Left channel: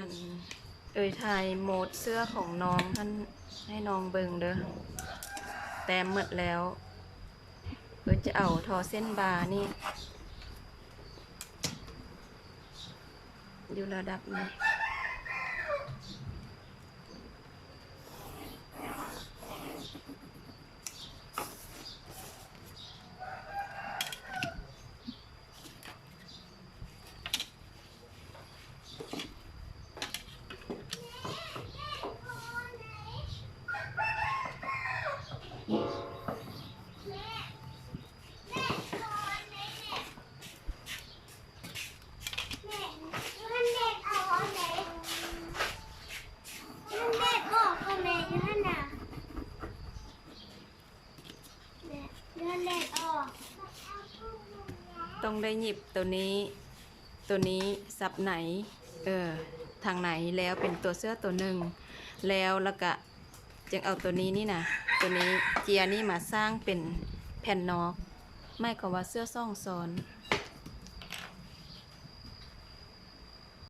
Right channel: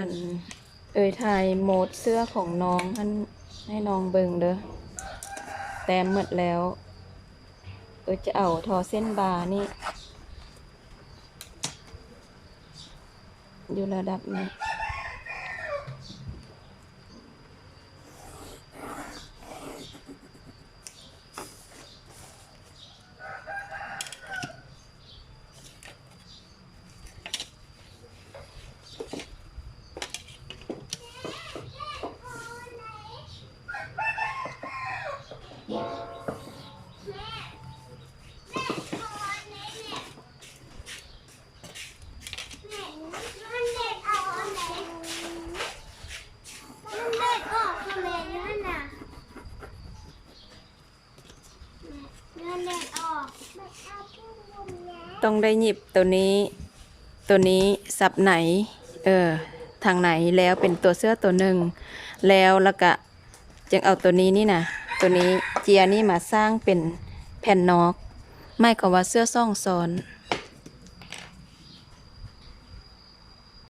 อันถ่ายโหมดเสื้อของน้องมันให้น้องเบิ่งเด้อแต้มหมดแล้วจะเอาทอเส้นบาร์นี่อยู่ระดับนี้ต้องได้หยิบตัวนี้สับไหนทางไหนแล้วเป็นตัวเสื้อตัวหนึ่งแล้วก็จึงเอาตัวนี้นี่นะตัวนี้เจียนี่มาสร้างเป็นแผ่นนอกไม่ก็ว่าเสื้อซ่องซ้อน